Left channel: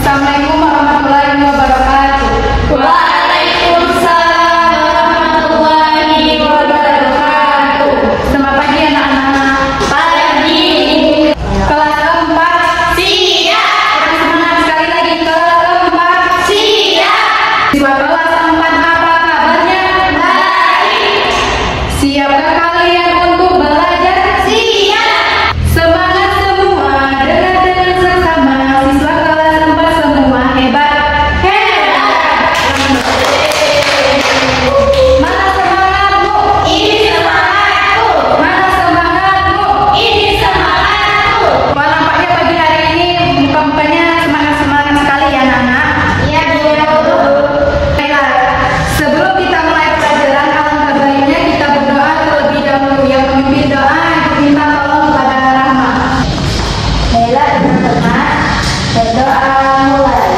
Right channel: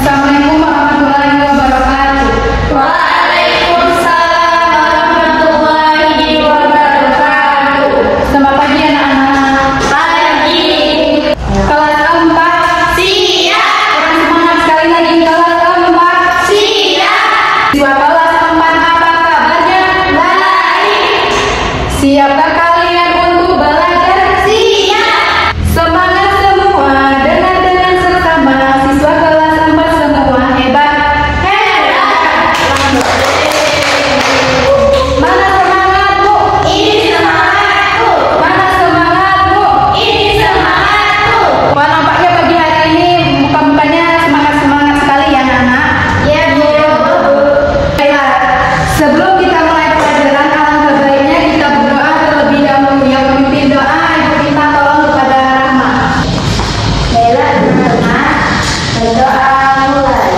Assalamualaikum warahmatullahi wabarakatuh. Waalaikumsalam warahmatullahi wabarakatuh. Selamat pagi anak-anak. Pagi. Kelas 4. Siap. Semangat sekali lagi kelas 4. Siap. Siswa kelas 4 apa kabarnya? Baik. Siapkah kalian untuk belajar? Siap. Semangat semua, dengan sesama. Siswa kelas 4 semua hebat. Mana semangatmu? Ini semangatku. Mana semangatmu? Ini semangatku. Wah, nampaknya pagi hari ini muka-mukanya semangat-semangat sekali ya anak-anak. Ya, Bu. Baiklah, sebelum kita mulai pelajaran, alangkah baiknya kita berdoa terlebih dahulu. Yang memimpin doa, Ibu minta tolong kepada Rahma. Baiklah teman-teman, berdoa mulai.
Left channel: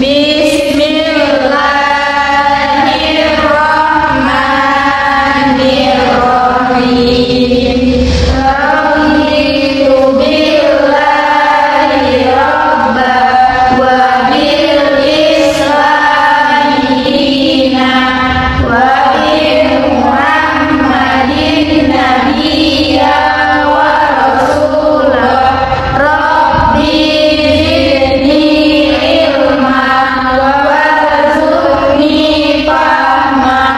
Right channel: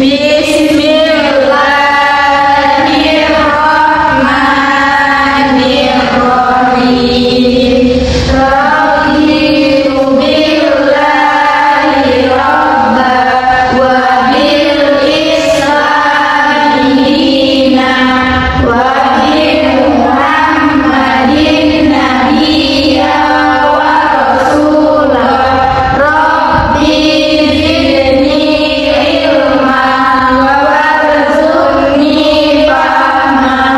Bismillahirrahmanirrahim. Raditu billahi rabba wa bil islami dina wa bi Muhammadin nabiyya wa rasulah. Rabbi zidni ilman wa warzuqni fahman.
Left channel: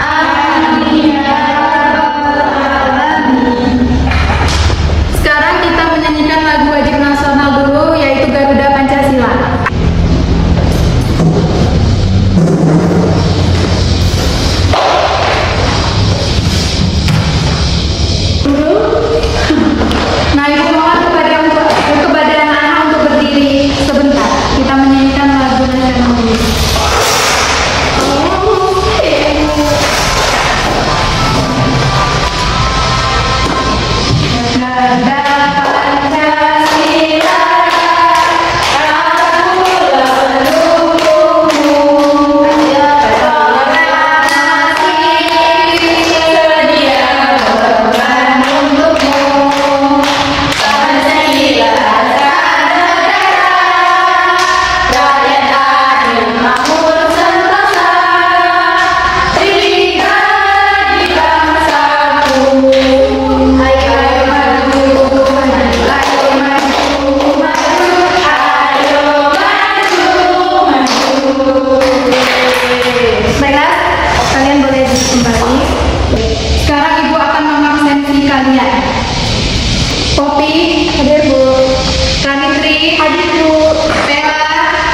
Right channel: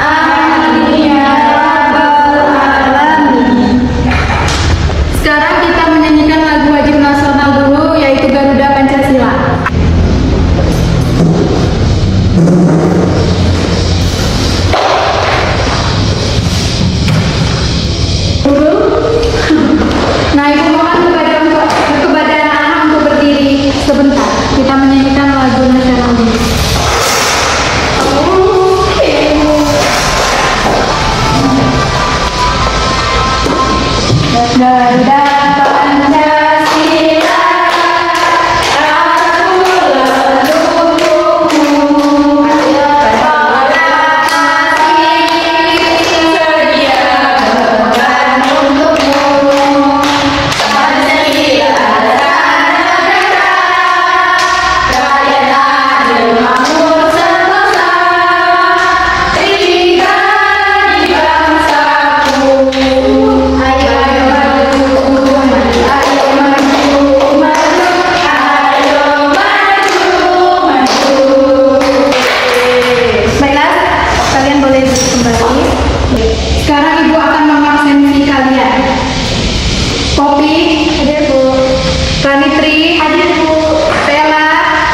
Amin ya rabbal alamin. Sekarang kita menyanyikan lagu wajib nasional dulu, yaitu Garuda Pancasila. Nah, Ibu mohon kepada anak-anak untuk berdiri sebentar. Kita menyanyikan lagu nasional dulu. Garuda Pancasila, aku mendukungmu. Garuda sedia berkorban untukmu. Pancasila negara, rakyat adil makmur sentosa. Tiga di bangsaku. Ayo maju, ayo maju, ayo maju. Baiklah, kalian boleh duduk kembali. Sekarang Ibu akan mengabsensi kalian. Popi, hadir Bu. Kanitri, hadir Bu. Bella,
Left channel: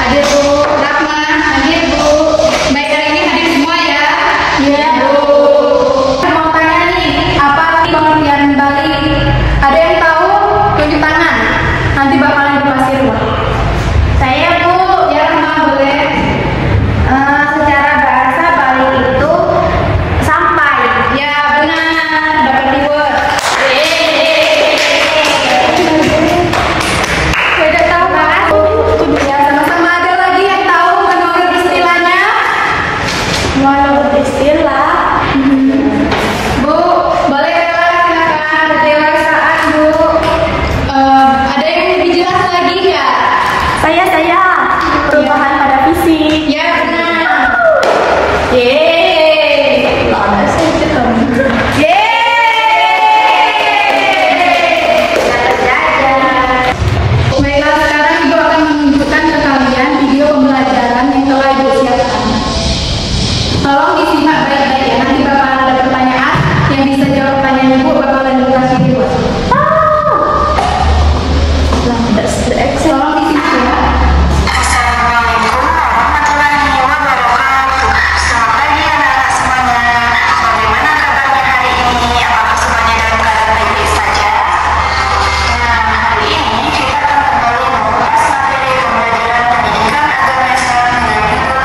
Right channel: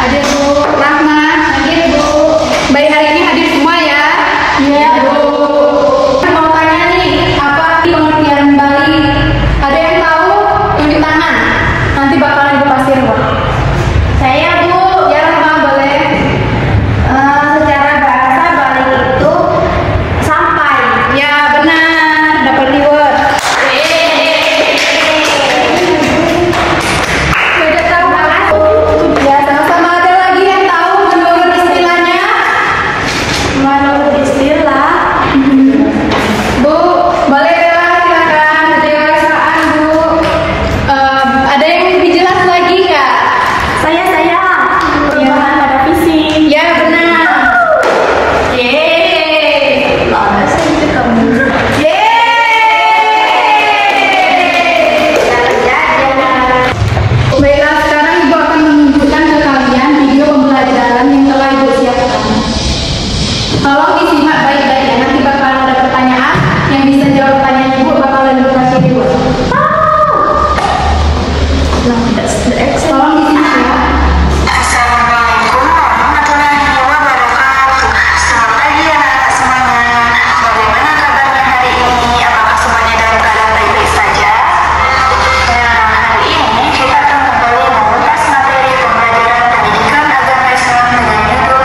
hadir Bu. Rahma, hadir Bu. Baik, hari ini hadir semua ya? Iya Bu. Mau tanya nih, apa sih pengertian balik? Ada yang tahu? Tunjuk tangan. Nanti bakalan Ibu kasih ruang. Saya, Bu. Ya, Rahma boleh. Secara bahasa balik itu sampai. Ya benar, dapat reward. Beda tahu kan? Ya, sama ada lagi yang tahu menurut istilahnya? Menurut istilah, Bu, boleh Bella silakan kedewasaan Bu. Ada yang lebih jelas lagi nggak? saya perubahan pada fisik. Ya benar. Yeay. Baiklah, sekarang Ibu akan menunjukkan ke kalian video pembelajaran yang telah Ibu siapkan. Tolong disimak baik-baik ya, nanti bakal ada pertanyaan yang bisa jawab pertanyaan Ibu bakalan Ibu kasih reward. Tolong disimak ya. Assalamualaikum warahmatullahi wabarakatuh. Selamat pagi anak-anak semuanya. Bagaimana kabarnya hari ini? Apakah semuanya dalam keadaan baik-baik saja? Nah, hari ini kita akan kembali membahas materi pembelajaran pendidikan agama Islam dengan judul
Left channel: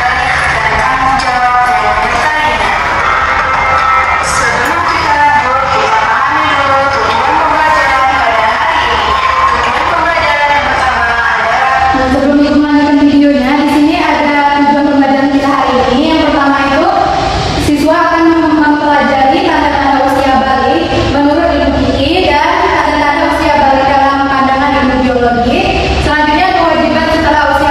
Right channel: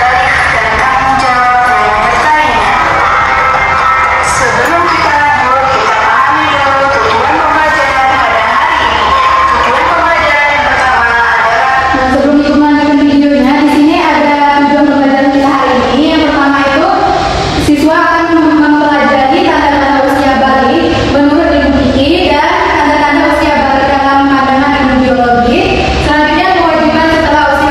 Balik dan Tanggung Jawab dan lainnya. Sebelum kita lanjut, kita pahami dulu tujuan pembelajaran pada hari ini. Tujuan pembelajaran yang pertama adalah Nah, sebelum Ibu melanjutkan videonya, di sini ada tujuan pembelajaran kita hari ini. Yang pertama itu, siswa akan mempelajari tanda-tanda usia balik menurut ilmu fikih dan tanda-tanda usia balik dalam pandangan ilmu biologi. Selanjutnya, kewajiban setelah usia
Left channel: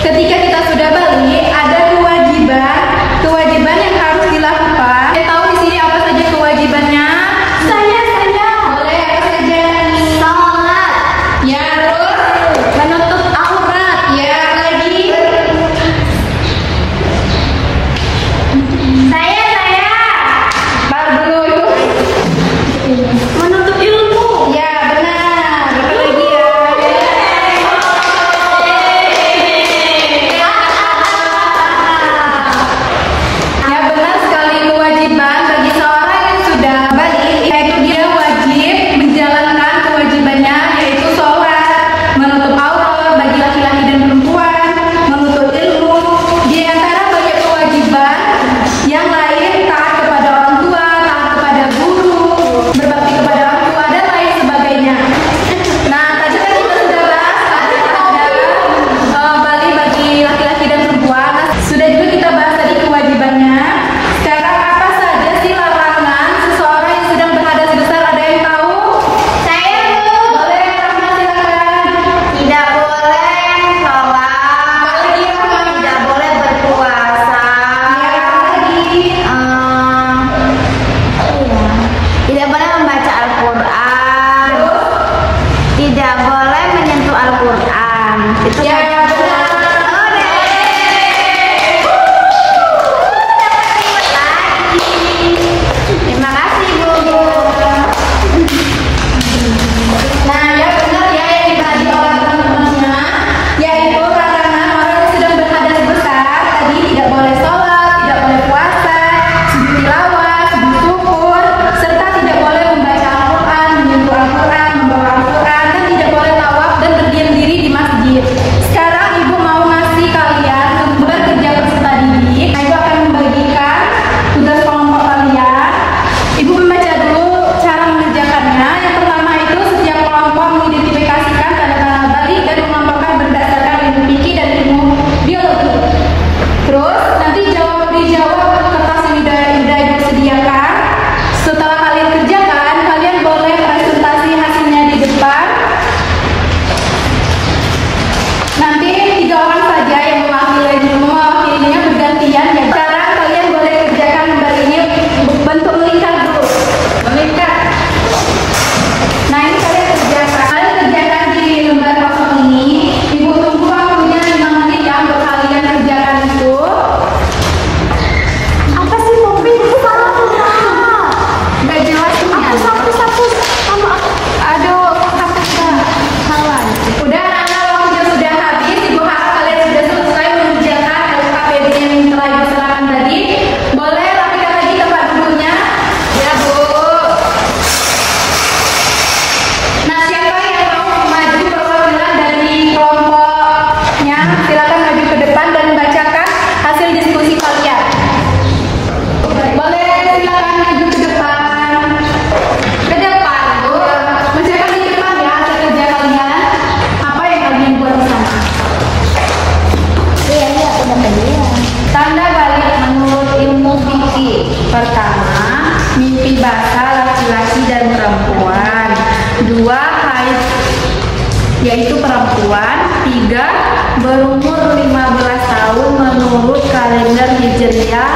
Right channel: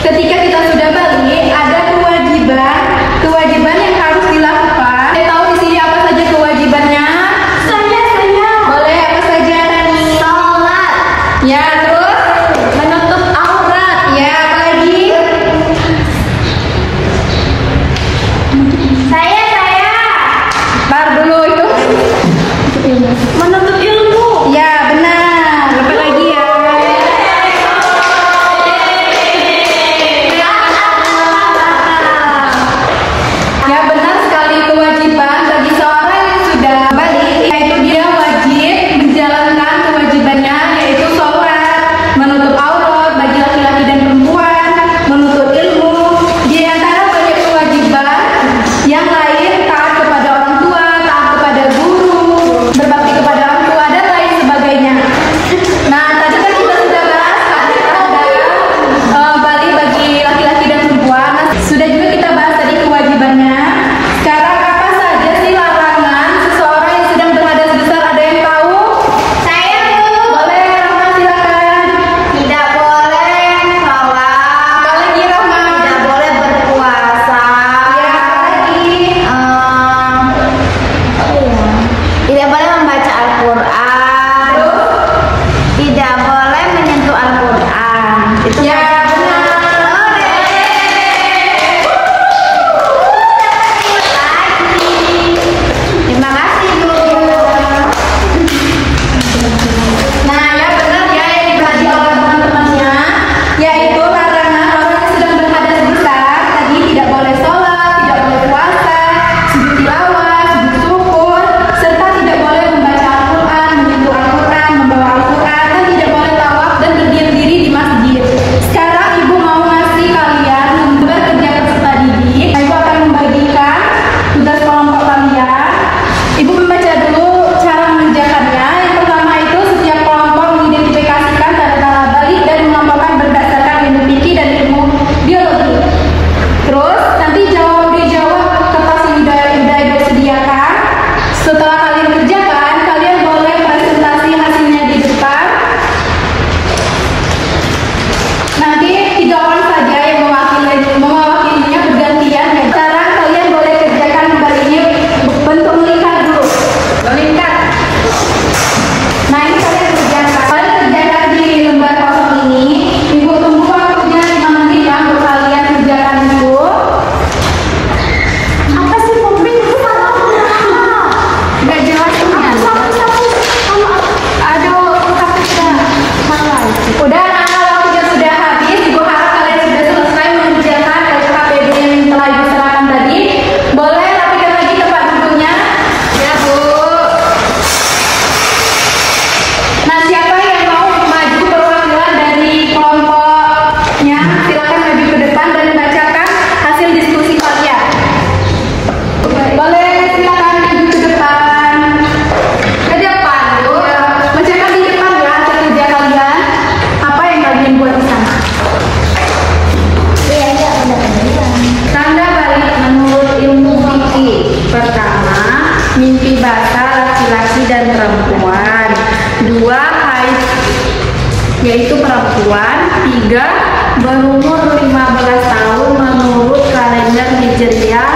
ketika kita sudah balik, ada kewajiban yang harus dilakukan. Saya tahu di sini apa saja kewajibannya? Saya. Boleh apa saja? Sholat. Ya, terus Menutup aurat. ya apa lagi? Saya. Tar dulu itu. Menuntut ilmu. Ya, benar. Apa lagi ya? Ya, benar sekali, kewajiban bagi seorang yang sudah balik, yaitu dia wajib menjalankan kewajibannya, yaitu sholat, menutup aurat bagi laki-laki dan perempuan, menuntut ilmu. Di antara banyak kewajiban yang lain, taat kepada orang tua, taat kepada guru, berbakti kepada orang tua, dan lain sebagainya. Nah, tadi kan kita sudah bahas ada balik bagi laki-laki dan perempuan. Nah, sudah juga kita bahas tadi kewajibannya. Sekarang apa saja sih larangan seseorang yang sedang berhadas besar? Ada yang tahu? Saya, Bu. Boleh, Rahma, silakan. Tidak boleh sholat. Lagi, Rahma. Tidak boleh berpuasa. Ya, lagi. Tidak boleh membaca Al-Quran. Tidak boleh menyentuh Al-Quran. Itu Ya, saja. benar. Terima kasih, Bu. Nah, ya benar ya yang diperhati oleh teman-temannya, yaitu karena orang yang sedang berhadas besar tadi tidak boleh sholat, tidak boleh puasa, sujud tilawah, sujud syukur, serta tidak boleh membaca Al-Quran, menyentuh Al-Quran, membawa Al-Quran, dan tidak boleh tawaf dan berdiam diri di masjid. Sekarang Ibu mau ngasih kalian lembar kerja peserta didik. Nah, Ibu akan membagikan tugas kelompok kalian. Ibu membaca dulu cara mengerjakannya. Yang pertama itu setiap kelompok mengidentifikasikan tanda-tanda balik dan mengelompokkan berdasarkan ilmu fikih dan ilmu biologi. Terus nanti dijawab kertas yang sudah disediakan. Setelah kalian kerjakan, kalian boleh presentasi hasilnya di depan. Nanti 3 orang saja yang mewakilinya bergantian. Dan sekarang kalian boleh kerjakan lembar ini bentuk melingkar dulu. Melingkar. Nah, ini kalian kerjakan. Kalian kerjakan di lembar kosong ini. Ibu tunggu waktunya 5 menit ya untuk kalian kerjakan itu. Apa sih, Poppy? Itu salah. Nggak jelas ini. Satu. Aduh, Salah. udah waktunya sudah habis. Ibu harap kalian sudah selesai mengerjakan SKPD yang telah Ibu serahkan tadi. Boleh rapikan lagi tempat duduknya. Ya, Bu. Nah, siapa yang mau maju perwakilan dari kelompoknya? Silakan maju ke depan dan membacakan hasil diskusi kalian. Boleh, silakan maju ke depan. Ke depan, Bu. Bacakan di depan ya hasil kerja kalian. Apa yang kalian buat di sana? Tanda balik menurut ilmu fikih. Pertama, mimpi basah laki-laki dan perempuan. 2, haid yaitu perempuan. 3, berumur 15 tahun menurut kalender Hijriah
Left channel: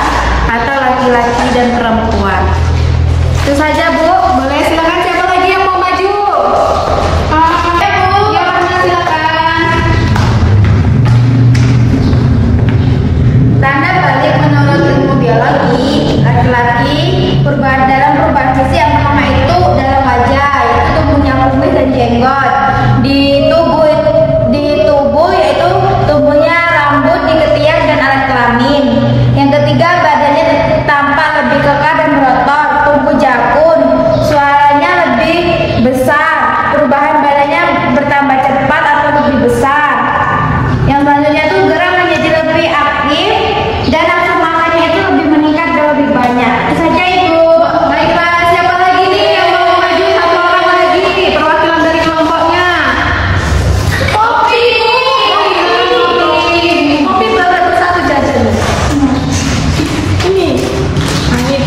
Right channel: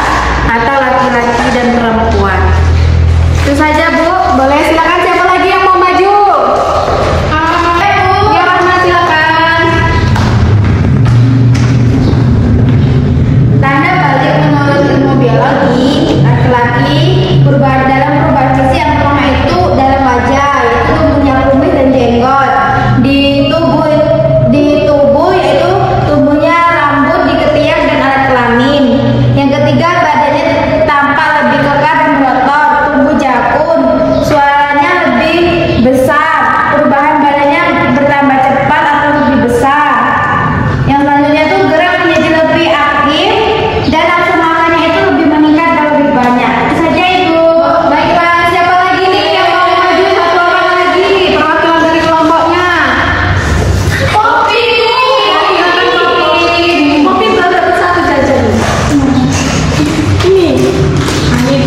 atau laki-laki dan perempuan. Itu saja, Bu. Boleh, silakan. Siapa lagi yang mau maju? Bu. Ya, silakan. Tanda balik menurut ilmu biologi, laki-laki dalam perubahan fisik yang pertama itu dalam wajah, yaitu tubuhnya kumis dan jenggot. Di tubuh yaitu tubuhnya rambut di ketiak dan alat kelamin. Yang ketiga, badannya tampak lebih kekar dan berotot, tubuh jakun, suaranya lebih besar, perubahan badannya bertambah cepat atau lebih besar. Yang selanjutnya itu gerak menjadi lebih aktif dan nafsu makannya itu lebih meningkat dan lebih banyak. Itu saja, Ibu. Baiklah, siapa lagi nih yang mau maju? Satu orang lagi, perwakilan dari kelompoknya. Poppy. Poppy baru dapat 1 jajan. Ini. Amin.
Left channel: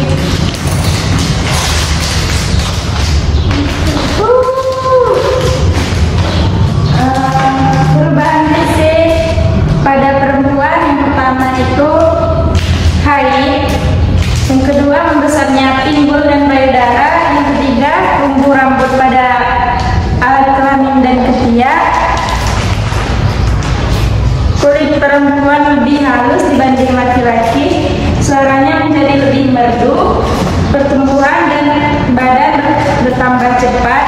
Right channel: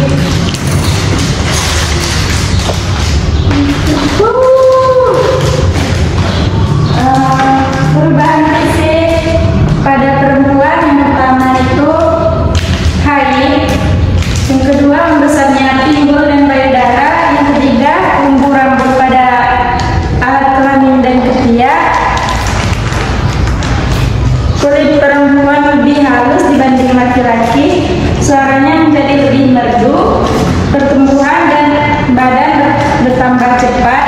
Perubahan fisik pada kelamin dan ketiak. Kulit perempuan lebih halus dibanding laki-laki, suaranya menjadi lebih merdu, pertumbuhan dan badan bertambah cepat,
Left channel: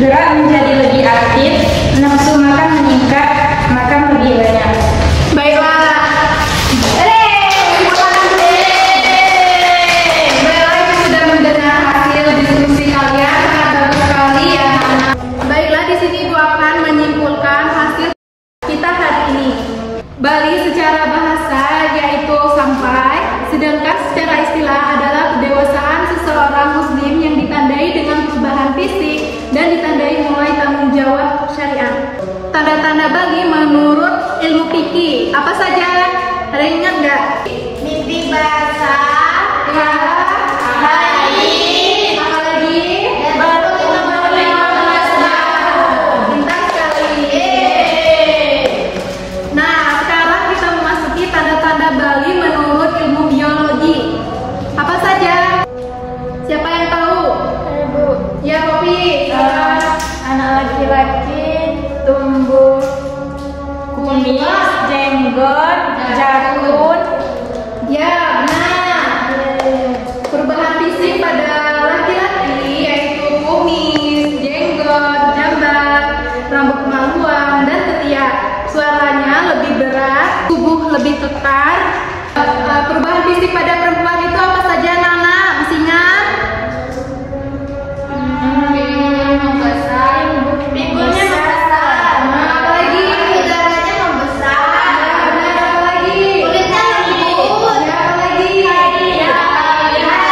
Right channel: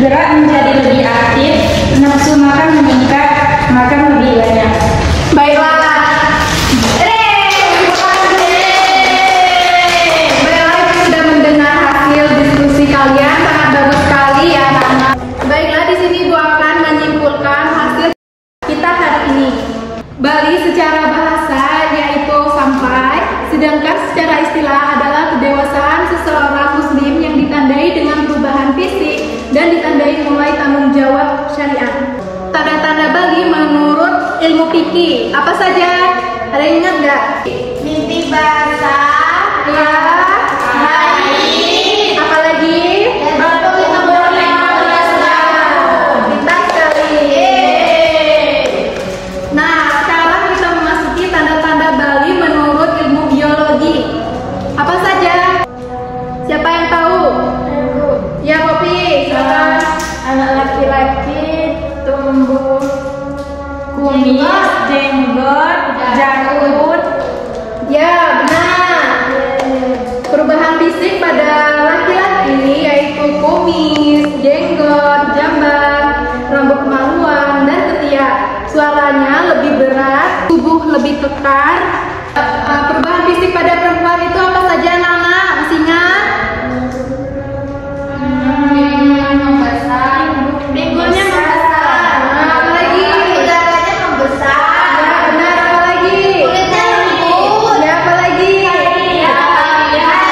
gerak menjadi lebih aktif, nafsu makan meningkat, makan lebih banyak. Baiklah. Sudah mendengar hasil diskusi kalian, sangat bagus sekali ya. Baiklah, di sini Ibu akan menyimpulkan hasil kita hari ini. Bali secara bahasa yaitu sampai, sedangkan secara istilah adalah kedewasaan seseorang muslim yang ditandai dengan perubahan fisik dan ditandai mulai tanggung jawab syariat. Tanda-tanda Bali menurut ilmu fikih apa saja? Ada yang ingat nggak? Mimpi basah, haid, Apalagi? baru 15 tahun. Pintar sekali. Nah, sekarang kita memasuki tanda-tanda Bali menurut ilmu biologi. Apa saja? Siapa yang tahu? Ya, Kopi. Anak laki-laki tumbuh kumis, jenggot, jakun. Ya, benar. Perubahan fisik pada laki-laki yaitu kumis, jenggot, jambat, rambut kemaluan, dan ketiak. Suaranya lebih berat, tubuh lebih kekar. Perubahan fisik pada perempuan itu apa saja, anak-anak? Masih ingat? Pinggulnya membesar. Apa lagi? Udaranya membesar. Benar, apa lagi? Kulitnya lembut. Ya, apa lagi? Ya,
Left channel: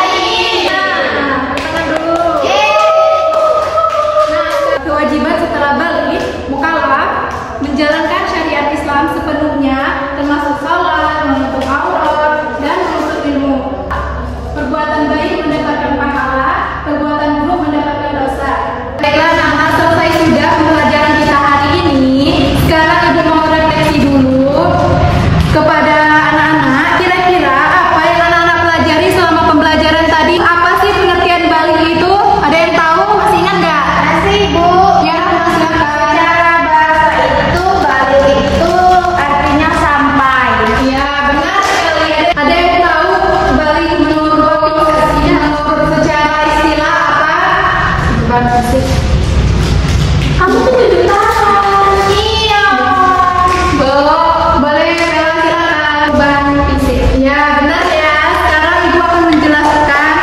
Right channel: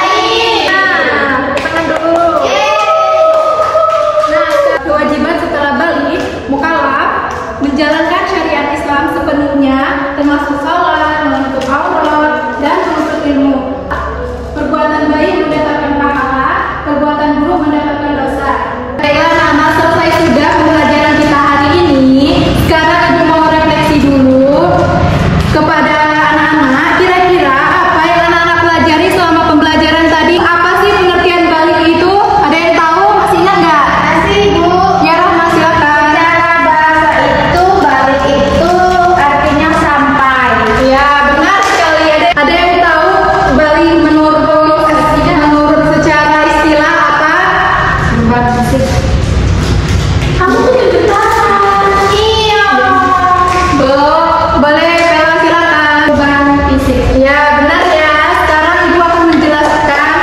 haid. Tangan dulu. Nah, kewajiban setelah balik, mukallaf menjalankan syariat Islam sepenuhnya, termasuk salat, menutup aurat, dan menuntut ilmu. Perbuatan baik mendapatkan pahala, perbuatan buruk mendapatkan dosa. Baiklah anak-anak, selesai sudah pembelajaran kita hari ini. Sekarang Ibu mau refleksi dulu kepada anak-anak. Kira-kira apa yang anak-anak pelajari selama pembelajaran tadi? Apa sih pengertian balik itu? Ada yang tahu? Masih ingat nggak? Masih, Bu. Ya, silakan. Secara bahasa itu balik itu artinya sampai. Ya, benar sekali. Ada yang tahu balik menurut secara istilah apa? Perubahan fisik. Kamu tuh tunjuk tangan. Iya. Boleh, Bella, silakan. Perubahan fisik. Ya, benar ya. Sekarang Ibu akan menjelaskan.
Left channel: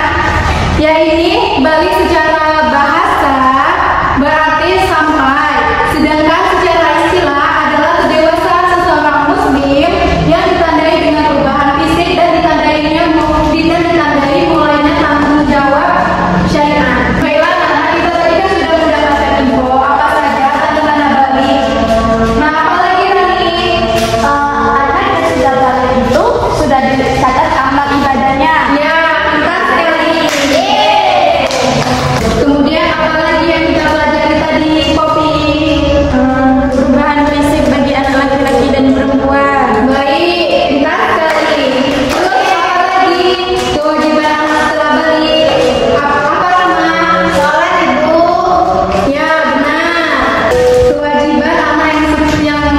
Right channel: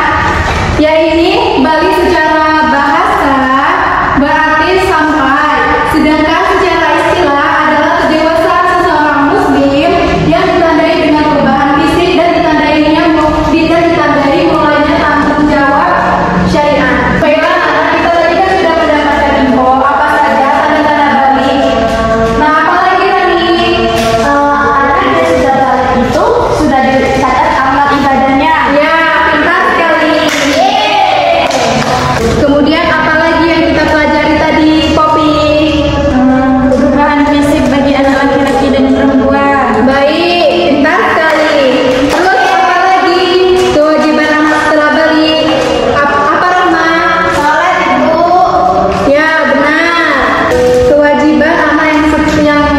Ya, ini balik secara bahasa berarti sampai. Sedangkan secara istilah adalah kedewasaan seseorang muslim yang ditandai dengan perubahan fisik dan ditandai mulainya tanggung jawab syariat. Baiklah, anak kita tadi kan sudah mendapatkan info apa saja tanda-tanda balik. Nah, apa lagi Rani? Apa yang sudah balik itu sudah dicatat amal ibadahnya. Ya, pintar sekali. Kemudian apa lagi yang kita pelajari tadi, Kopi? Perubahan fisik bagi anak laki-laki dan perempuan. Baik, pintar sekali. Terus apa lagi? Kewajiban anak setelah balik. Apa Rahma? Sholat, Ibu. Ya, benar. Kewajiban anak yang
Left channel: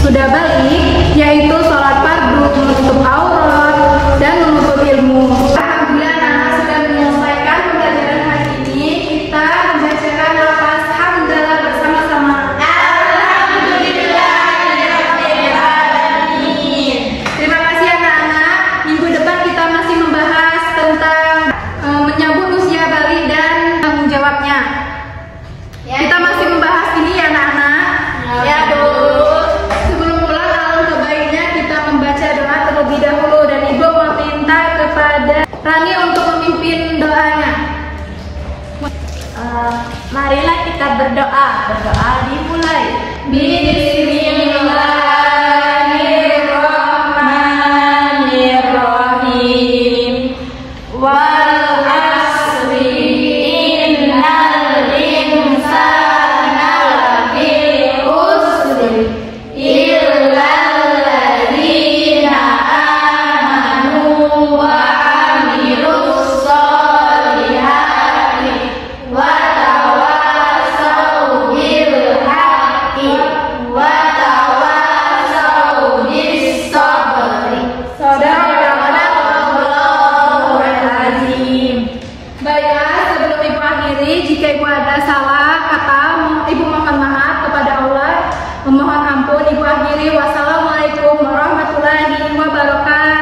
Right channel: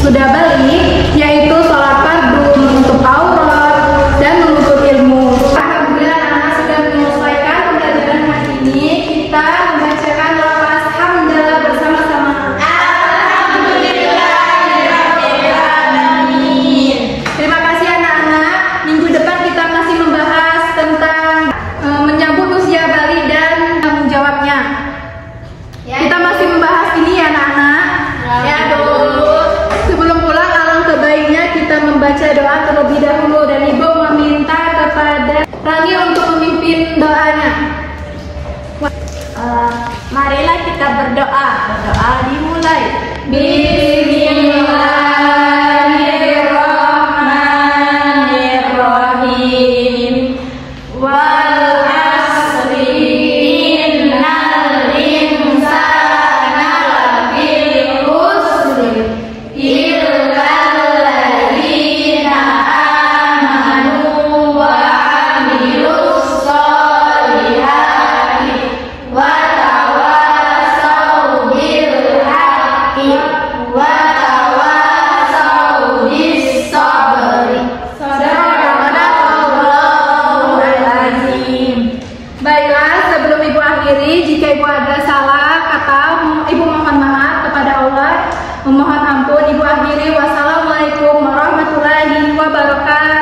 sudah balik yaitu sholat fardu, menutup aurat, dan menuntut ilmu. Alhamdulillah anak sudah menyelesaikan pembelajaran hari ini. Kita membacakan lafaz hamdalah bersama-sama. Terima kasih anak-anak. Minggu depan kita masih membahas tentang menyambut usia balik dan tanggung jawabnya. Kita masih membahas ini ya anak-anak. Ya, Bu. Sebelum pulang, alangkah baiknya kita membaca doa terlebih dahulu dan Ibu meminta kepada Rani untuk memimpin doanya. Marilah kita berdoa. Berdoa dimulai. Bismillahirrahmanirrahim. Wal asri innal insana lafi khusr illa alladzina amanu wa amilus solihati wa tawassaw bil Memohon ampun, Ibu akhiri. Wassalamualaikum warahmatullahi wabarakatuh.